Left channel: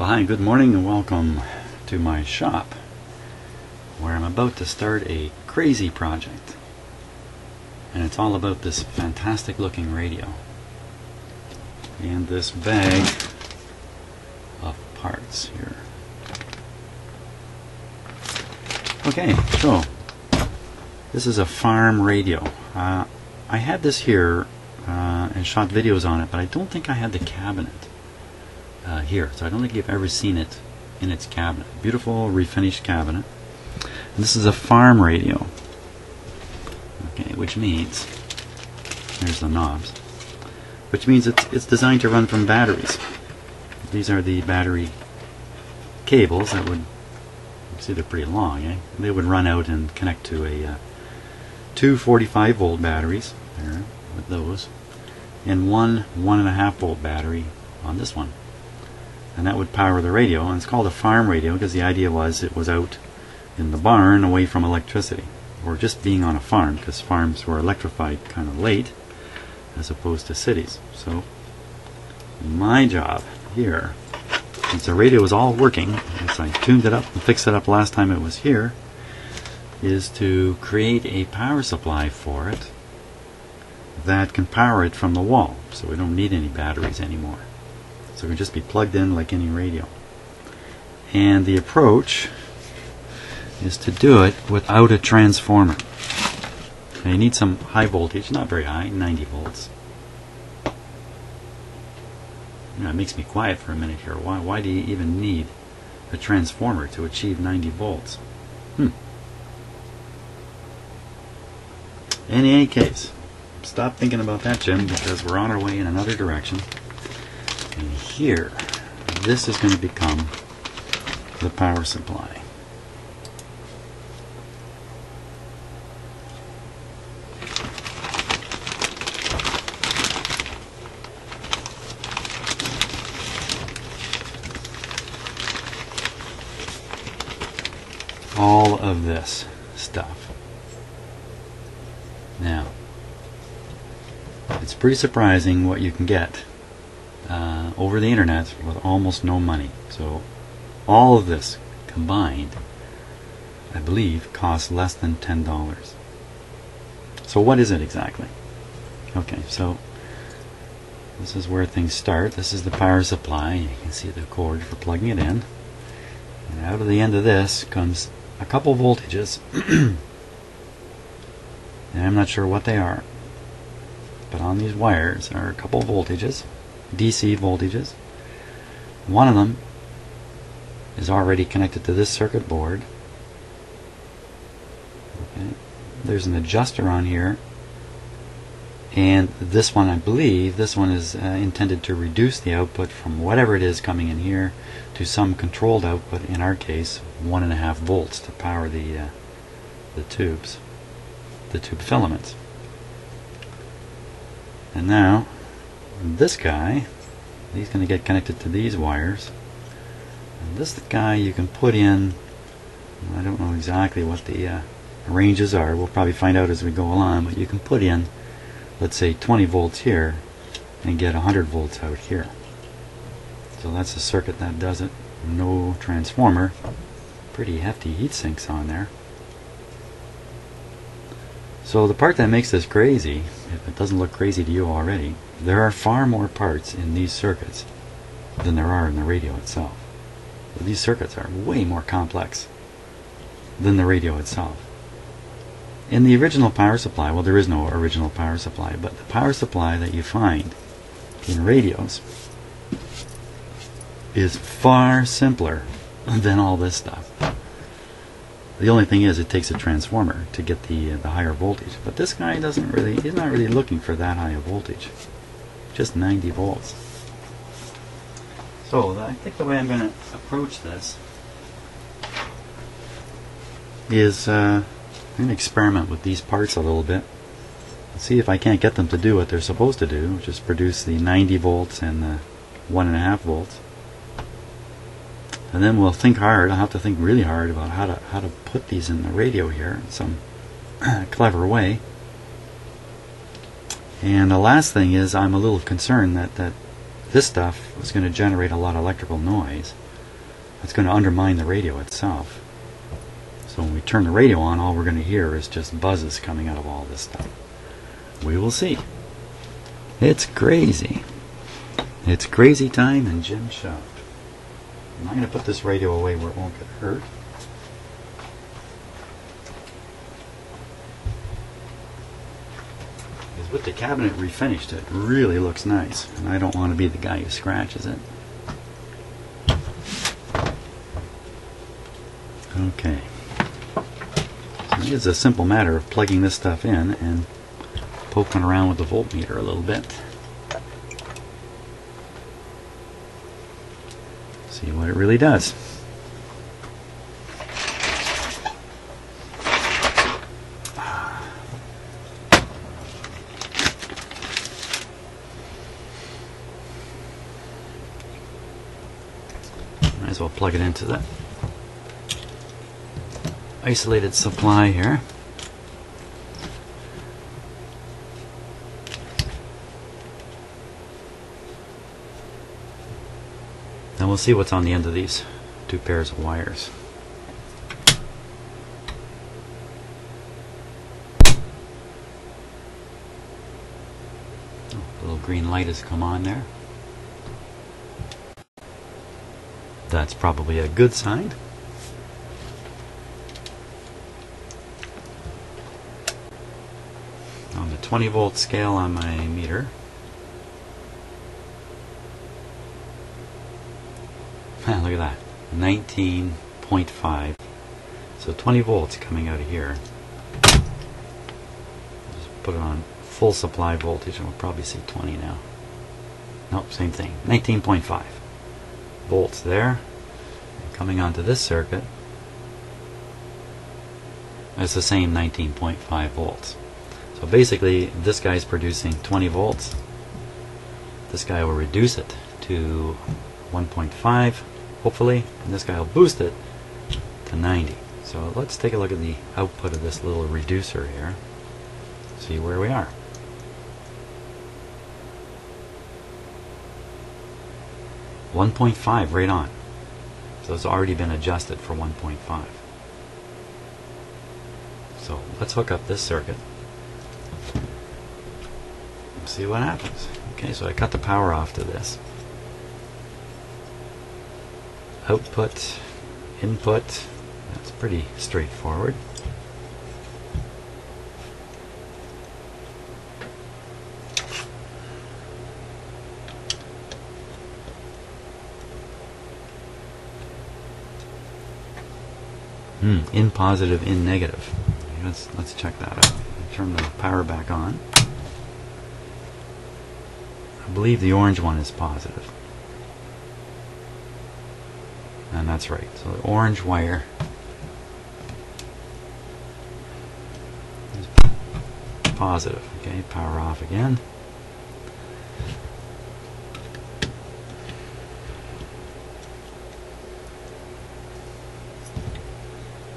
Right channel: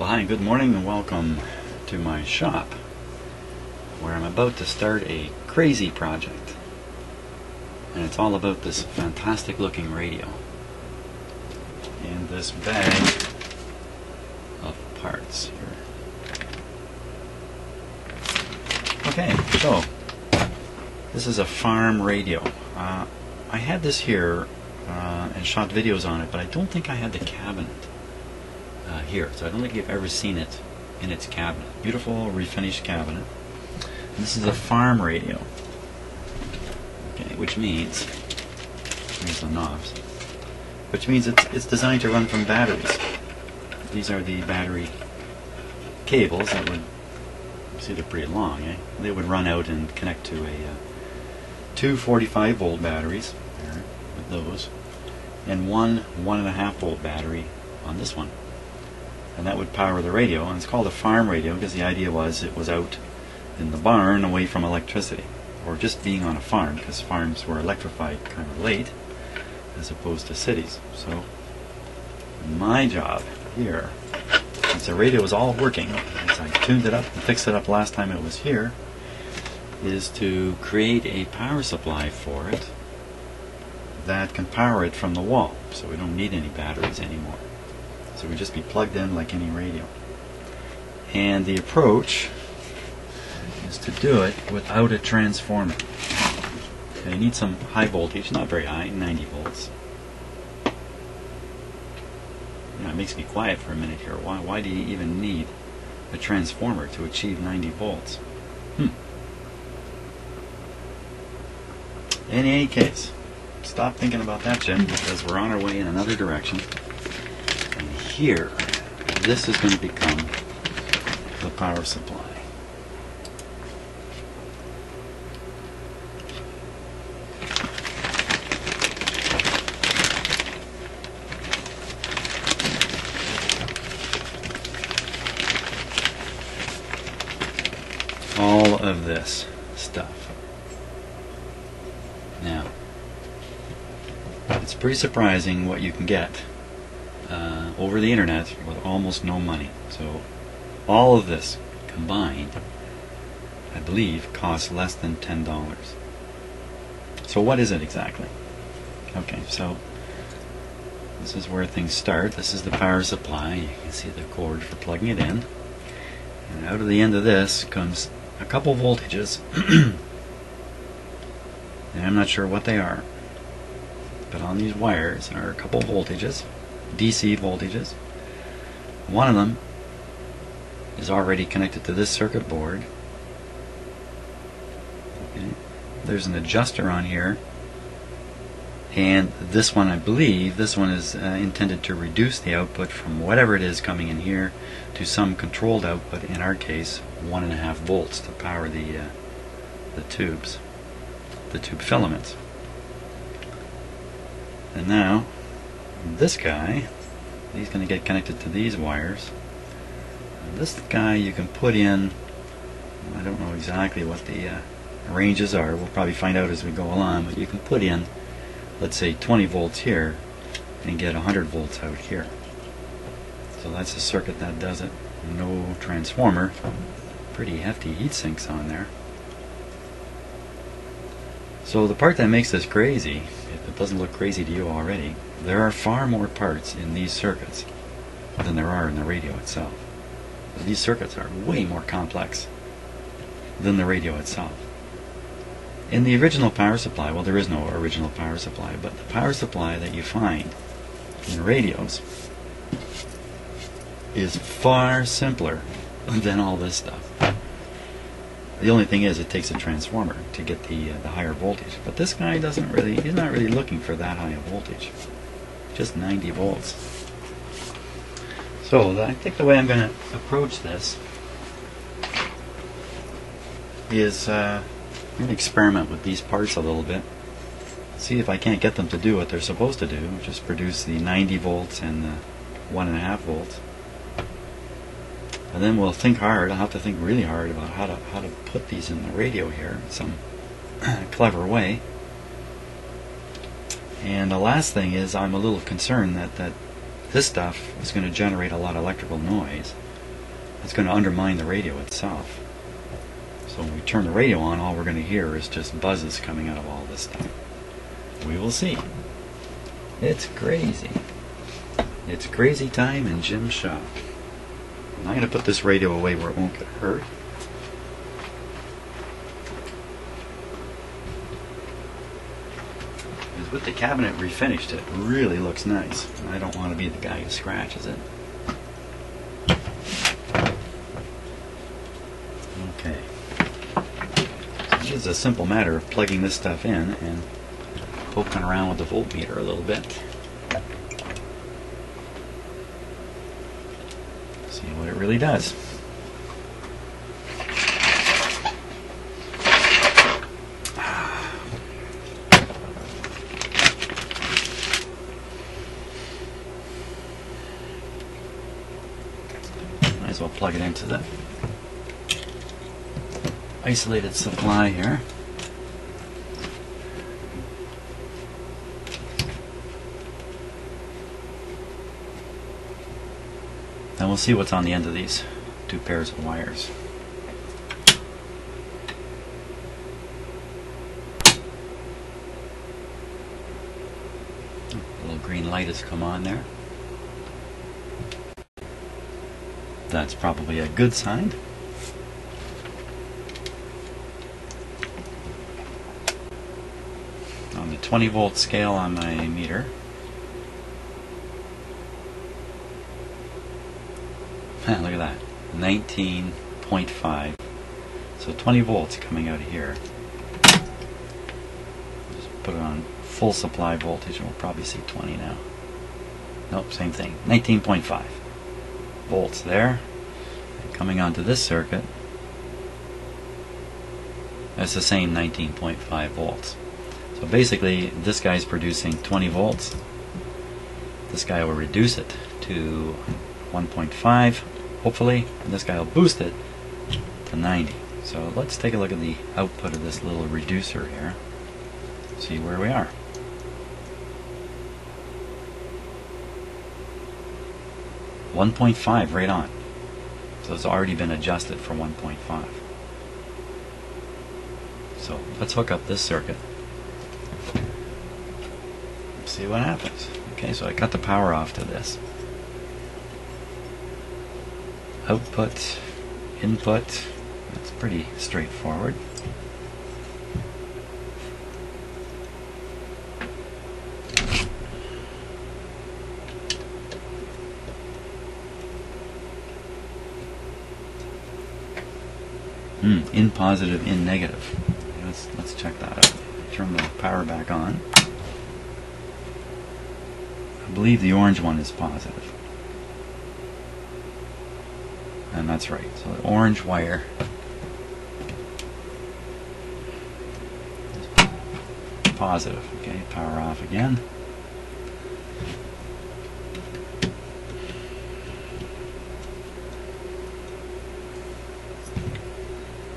Well, hi, good morning and welcome to my shop where I'm about to start a crazy project, and it's all about this fantastic looking radio and this bag of parts here. Okay, so this is a farm radio. I had this here and shot videos on it, but I don't think I had the cabinet here, so I don't think you've ever seen it in its cabinet. Beautiful refinished cabinet. And this is a farm radio. Okay, which means, here's the knobs, which means it's designed to run from batteries. These are the battery cables that would, see, they're pretty long, eh? They would run out and connect to two 45 volt batteries here, with those, and one 1.5 volt battery on this one. And that would power the radio, and it's called a farm radio because the idea was it was out in the barn away from electricity, or just being on a farm, because farms were electrified kind of late as opposed to cities. So my job here, since the radio is all working, as I tuned it up and fixed it up last time it was here, is to create a power supply for it that can power it from the wall, so we don't need any batteries anymore. So it would just be plugged in like any radio. And the approach is to do it without a transformer. Now you need some high voltage, not very high, 90 volts. You know, it makes me quiet for a minute here. Why do you even need a transformer to achieve 90 volts? In any case, stop thinking about that, Jim, because we're on our way in another direction. Here, this is going to become the power supply. All of this stuff. Now, it's pretty surprising what you can get over the internet with almost no money. So all of this combined, I believe, costs less than $10. So what is it exactly? Okay, so this is where things start. This is the power supply. You can see the cord for plugging it in. And out of the end of this comes a couple voltages. And I'm not sure what they are, but on these wires are a couple voltages, DC voltages. One of them is already connected to this circuit board. Okay. There's an adjuster on here, and this one, I believe, this one is intended to reduce the output from whatever it is coming in here to some controlled output, in our case 1.5 volts, to power the tubes, the tube filaments. And now this guy, he's going to get connected to these wires. And this guy you can put in, I don't know exactly what the ranges are, we'll probably find out as we go along, but you can put in, let's say, 20 volts here and get 100 volts out here. So that's a circuit that does it. No transformer. Pretty hefty heat sinks on there. So the part that makes this crazy, if it doesn't look crazy to you already, there are far more parts in these circuits than there are in the radio itself. These circuits are way more complex than the radio itself. In the original power supply, well, there is no original power supply, but the power supply that you find in radios is far simpler than all this stuff. The only thing is, it takes a transformer to get the higher voltage. But this guy doesn't really, he's not really looking for that high a voltage. Just 90 volts. So I think the way I'm going to approach this is I'm going to experiment with these parts a little bit. See if I can't get them to do what they're supposed to do, which is produce the 90 volts and the 1.5 volts. And then we'll think hard. I'll have to think really hard about how to put these in the radio here in some clever way. And the last thing is, I'm a little concerned that this stuff is going to generate a lot of electrical noise. it's going to undermine the radio itself. So when we turn the radio on, all we're going to hear is just buzzes coming out of all this stuff. We will see. It's crazy. It's crazy time in Jim's shop. I'm not going to put this radio away where it won't get hurt. Because with the cabinet refinished, it really looks nice. And I don't want to be the guy who scratches it. Okay. So it's a simple matter of plugging this stuff in and poking around with the voltmeter a little bit. See what it really does. Might as well plug it into the isolated supply here. Then we'll see what's on the end of these two pairs of wires. A little green light has come on there. That's probably a good sign. On the 20 volt scale on my meter, look at that, 19.5. So 20 volts coming out of here. Just put it on full supply voltage, and we'll probably say 20 now. Nope, same thing. 19.5 volts there. Coming onto this circuit, that's the same 19.5 volts. So basically, this guy's producing 20 volts. This guy will reduce it to 1.5. Hopefully, and this guy will boost it to 90. So let's take a look at the output of this little reducer here. See where we are. .5 right on. So it's already been adjusted for 1.5. So let's hook up this circuit and see what happens. Okay, so I cut the power off to this. Output, input, that's pretty straightforward. In positive, in negative. Let's check that out. Turn the power back on. I believe the orange one is positive. And that's right. So the orange wire is positive. Okay, power off again.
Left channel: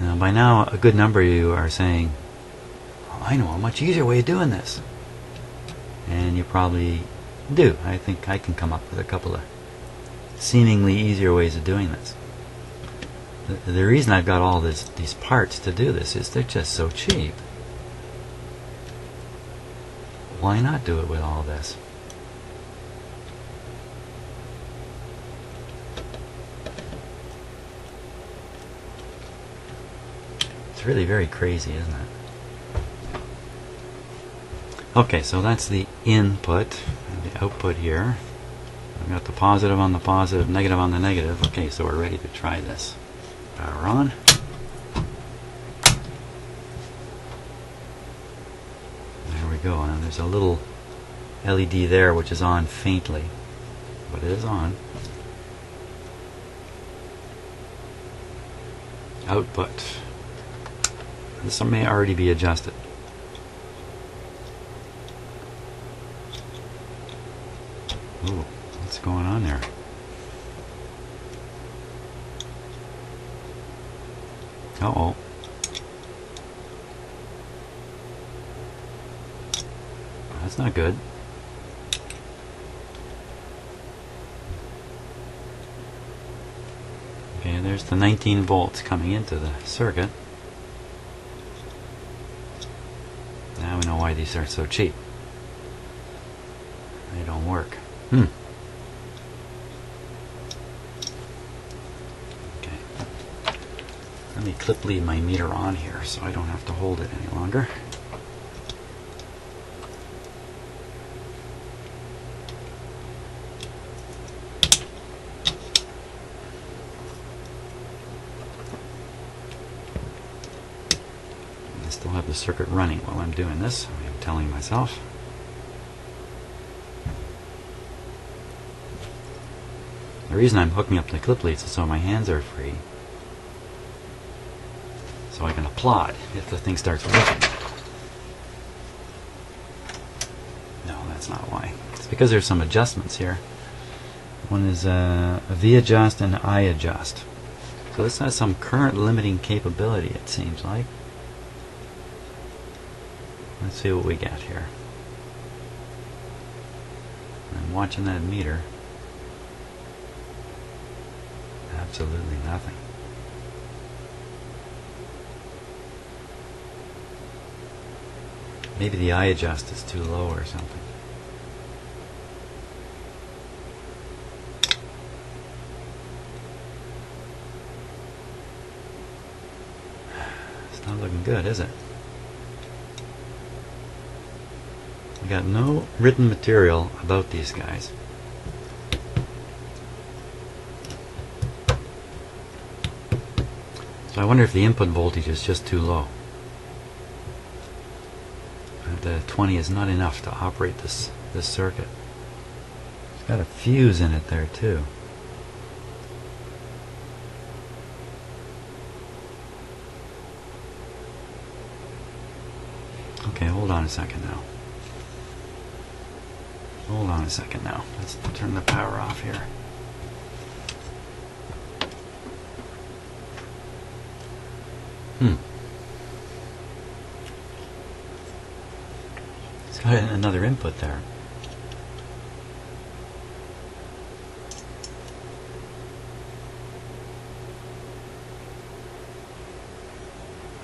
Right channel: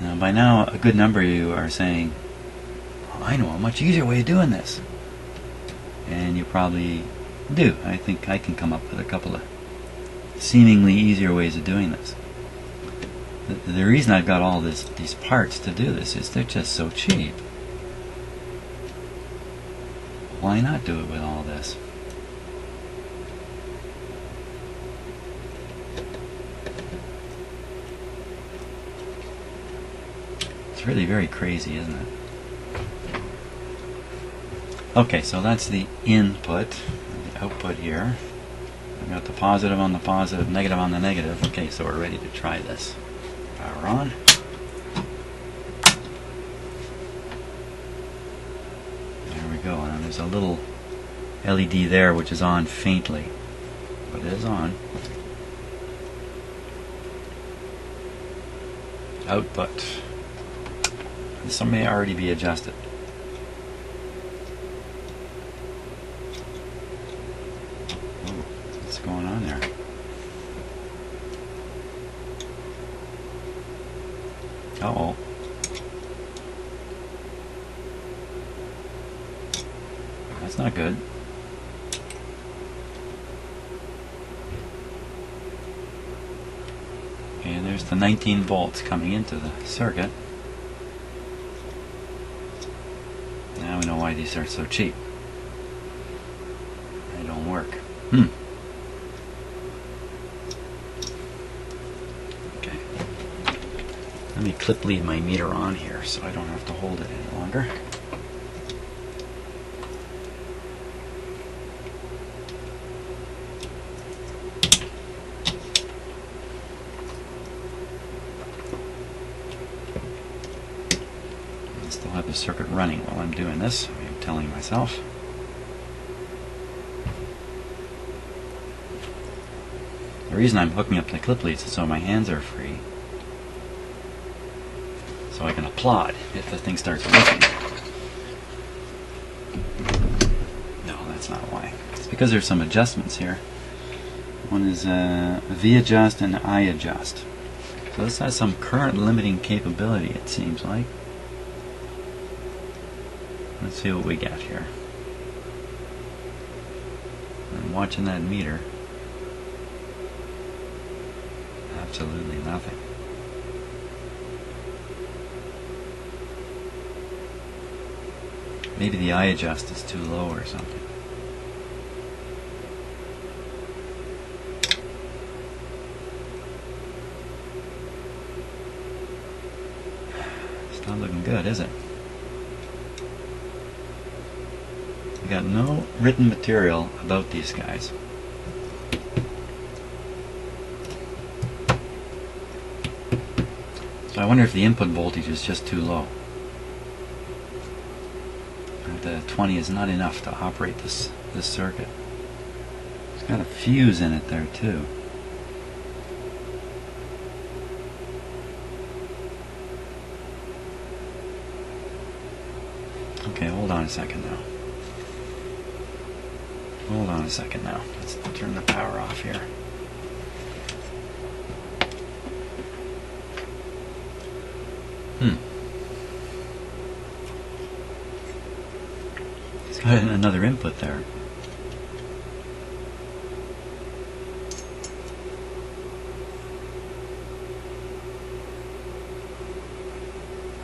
Now by now a good number of you are saying, oh, I know a much easier way of doing this. And you probably do. I think I can come up with a couple of seemingly easier ways of doing this. The reason I've got all these parts to do this is they're just so cheap. Why not do it with all this? It's really very crazy, isn't it? Okay, so that's the input, the output here. We've got the positive on the positive, negative on the negative. Okay, so we're ready to try this. Power on. There we go. And there's a little LED there which is on faintly, but it is on. Output. This may already be adjusted. Ooh, what's going on there? Uh-oh. That's not good. Okay, there's the 19 volts coming into the circuit. Now we know why these are so cheap. They don't work. Okay. Let me clip lead my meter on here so I don't have to hold it any longer. I still have the circuit running while I'm doing this, I'm telling myself. The reason I'm hooking up the clip leads is so my hands are free, so I can applaud if the thing starts working. No, that's not why. It's because there's some adjustments here. One is a V adjust and I adjust. So this has some current limiting capability, it seems like. Let's see what we get here. I'm watching that meter. Absolutely nothing. Maybe the I adjust is too low or something. It's not looking good, is it? We got no written material about these guys. So I wonder if the input voltage is just too low. The 20 is not enough to operate this circuit. It's got a fuse in it there too. Okay, hold on a second now. Hold on a second now. Let's turn the power off here. It's got another input there.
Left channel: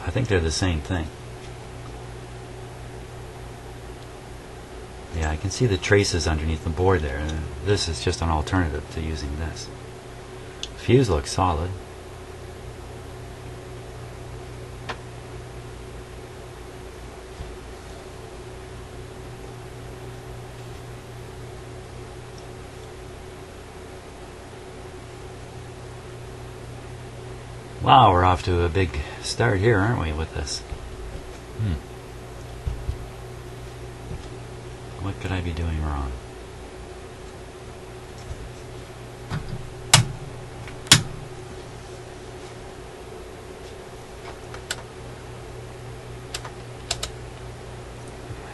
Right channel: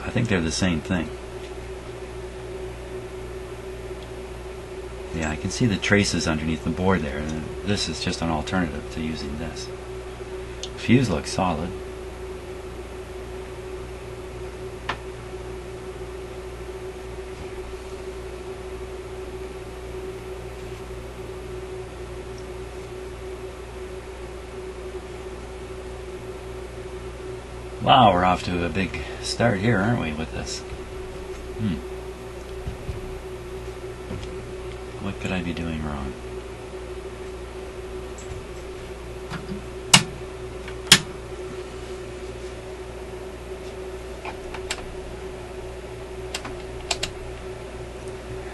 I think they're the same thing. Yeah, I can see the traces underneath the board there. This is just an alternative to using this. Fuse looks solid. Wow, we're off to a big start here, aren't we, with this? What could I be doing wrong?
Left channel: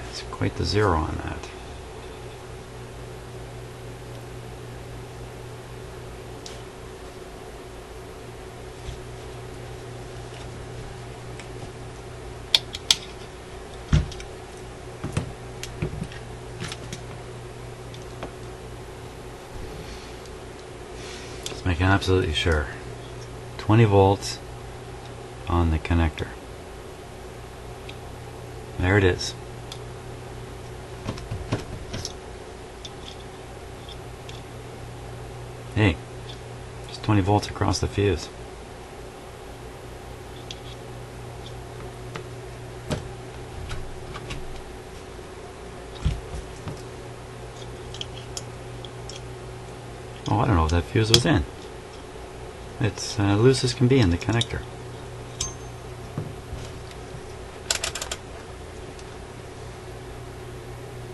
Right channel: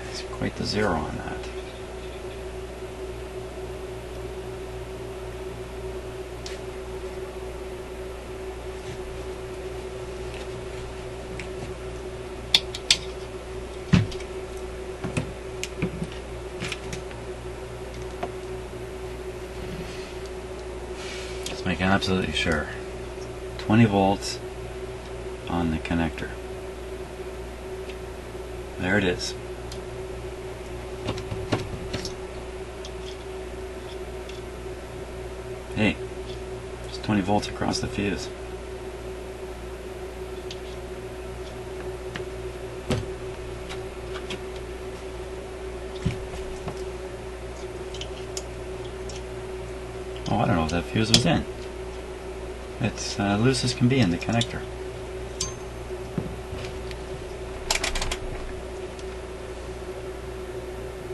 It's quite the zero on that. Make absolutely sure. 20 volts on the connector. There it is. Hey, just 20 volts across the fuse. Oh, I don't know if that fuse was in. It's loose as can be in the connector.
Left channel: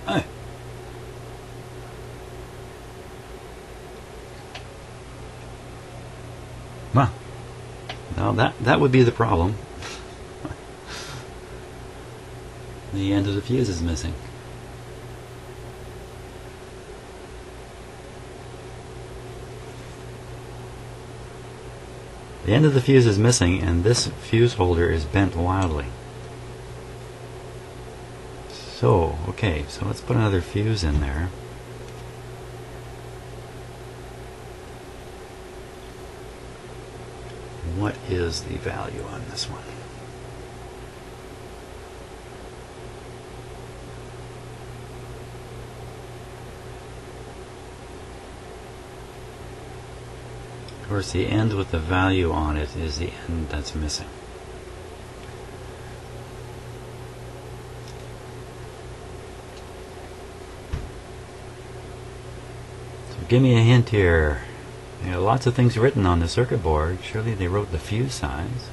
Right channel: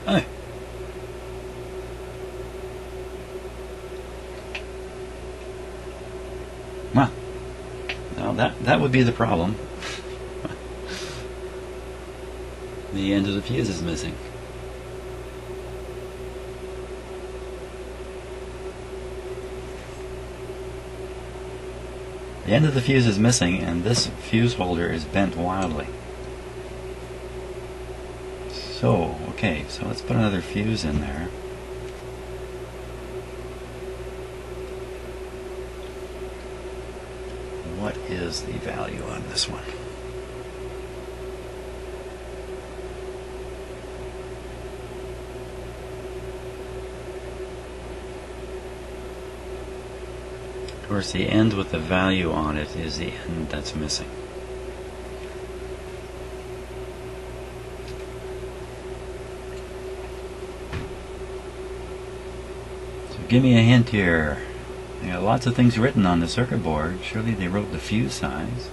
Hey. Well, now that would be the problem. The end of the fuse is missing. The end of the fuse is missing, and this fuse holder is bent wildly. So, okay, so let's put another fuse in there. what is the value on this one? Of course, the end with the value on it is the end that's missing. So give me a hint here. There are lots of things written on the circuit board. Surely they wrote the fuse size.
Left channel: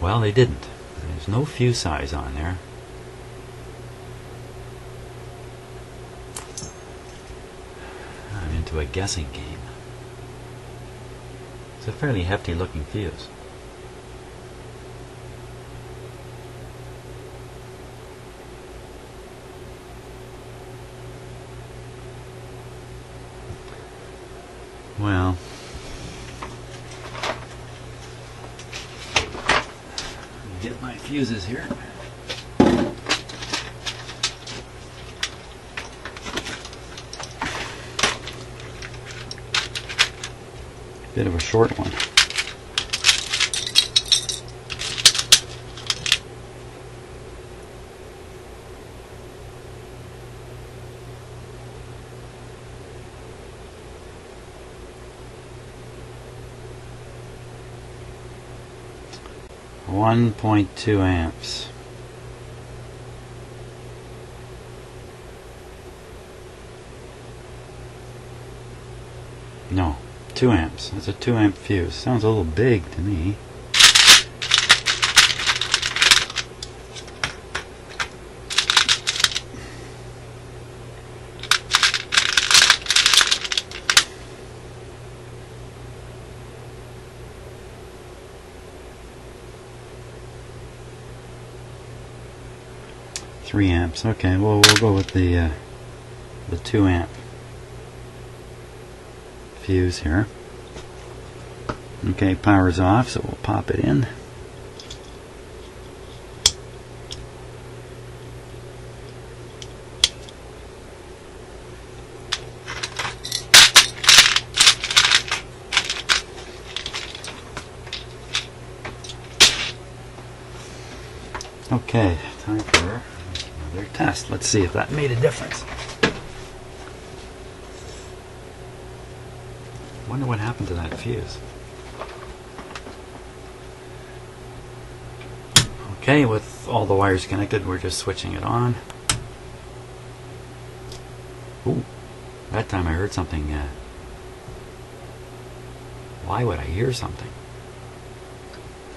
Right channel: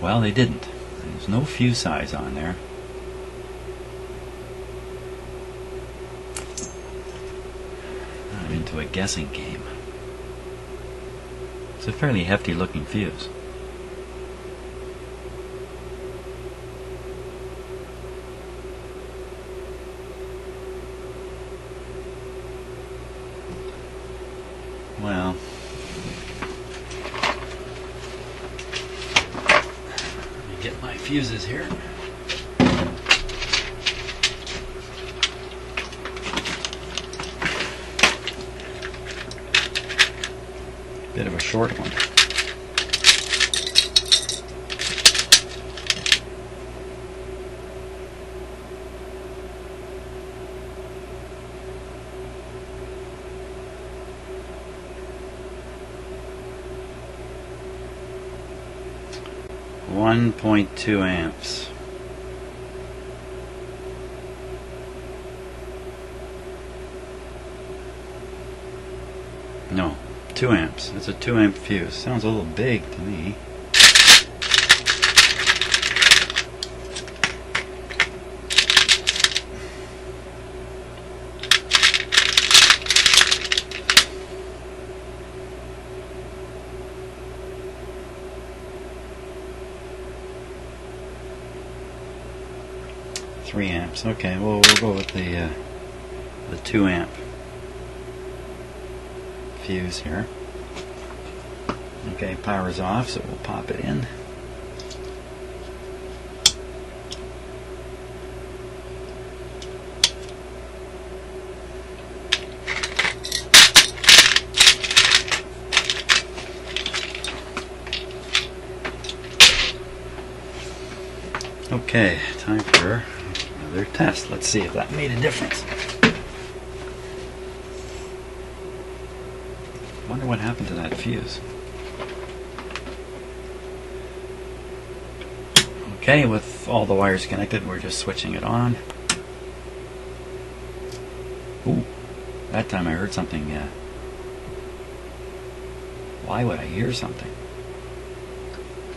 Well, they didn't. There's no fuse size on there. Not into a guessing game. It's a fairly hefty looking fuse. Well, let me get my fuses here. Bit of a short one. .2 amps. No, 2 amps. That's a 2 amp fuse. Sounds a little big to me. Three amps. Okay, well, we'll go with the 2 amp fuse here. Okay, power's off, so we'll pop it in. Okay, time for another test. Let's see if that made a difference. Wonder what happened to that fuse. Okay, with all the wires connected, we're just switching it on. Ooh, that time I heard something. Why would I hear something?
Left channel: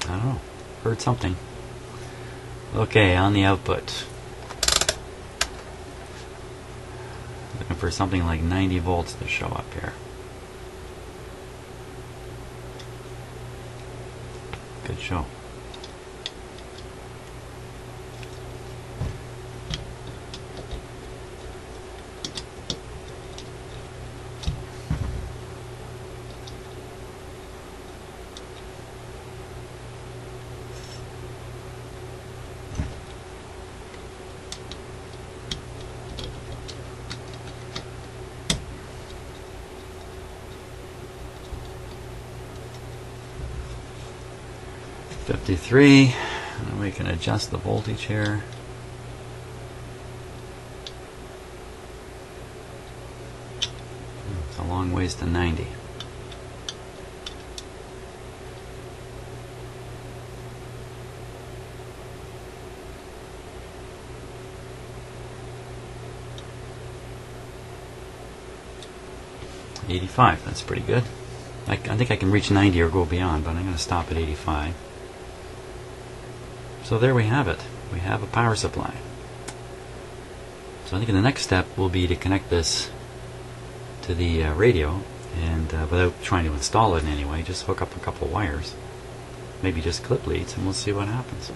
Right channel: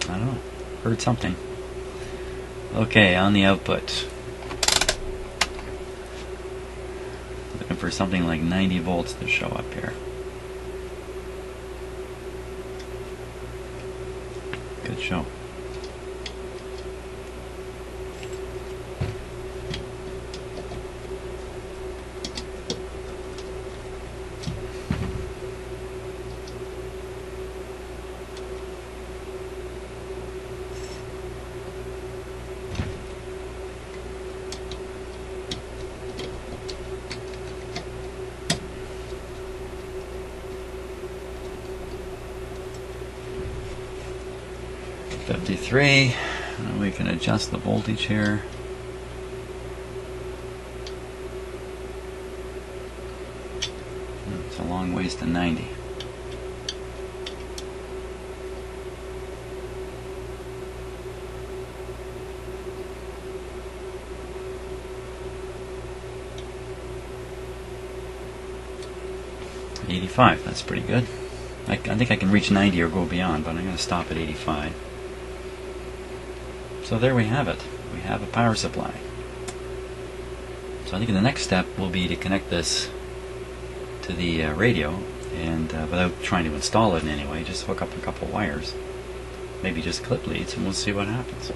I don't know. Heard something. Okay, on the output. Looking for something like 90 volts to show up here. Good show. .53, and we can adjust the voltage here. It's a long ways to 90. .85, that's pretty good. I think I can reach 90 or go beyond, but I'm going to stop at 85. So there we have it. We have a power supply. So I think the next step will be to connect this to the radio, and without trying to install it in any way, just hook up a couple wires, maybe just clip leads, and we'll see what happens.